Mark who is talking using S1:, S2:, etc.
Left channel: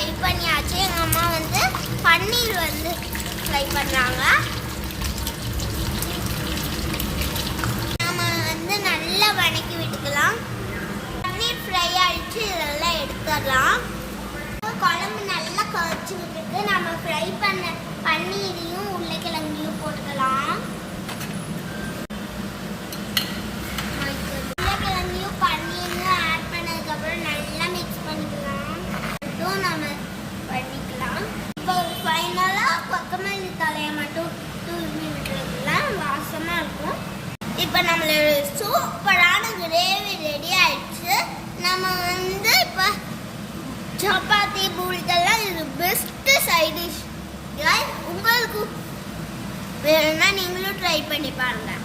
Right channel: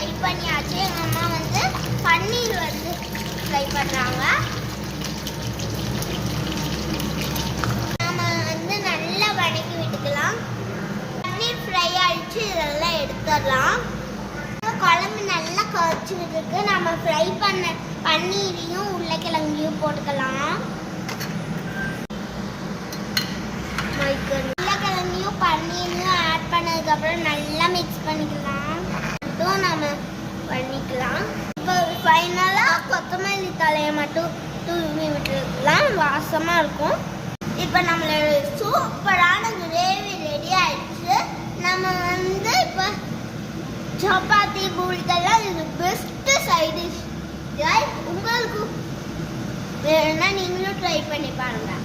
S1: உருளைக்கிழங்கு ஃப்ரை பண்ணியாச்சு. எங்கள் அம்மா வந்து பன்னீர் வந்து ஃப்ரை பண்ணுறாங்க நம்ம வந்து நல்லா வதக்கி விட்டுக்கலாம். பன்னீர் ஃப்ரை ஆயிடுச்சு. இதெல்லாம் எடுத்துடலாம். குழம்பு நல்லா குறைச்சி விட்டுருக்கு நம்ம ஃப்ரை பண்ண பன்னீரையும் உள்ள டூ டூ தூவி விட்டுருக்கலாம் வாசமாக இருக்கும். இப்போ நம்மளோட சூப்பரான கிரேவி ரெடி ஆயிடுச்சு. நம்ம வந்து இப்போ சப்பாத்தி பூரிக்கெல்லாம் இது பெஸ்ட்டு சைடிஷ் டிஷ் உங்களுக்கு வேணும்னா நீங்களும் ட்ரை பண்ணி பாருங்கள்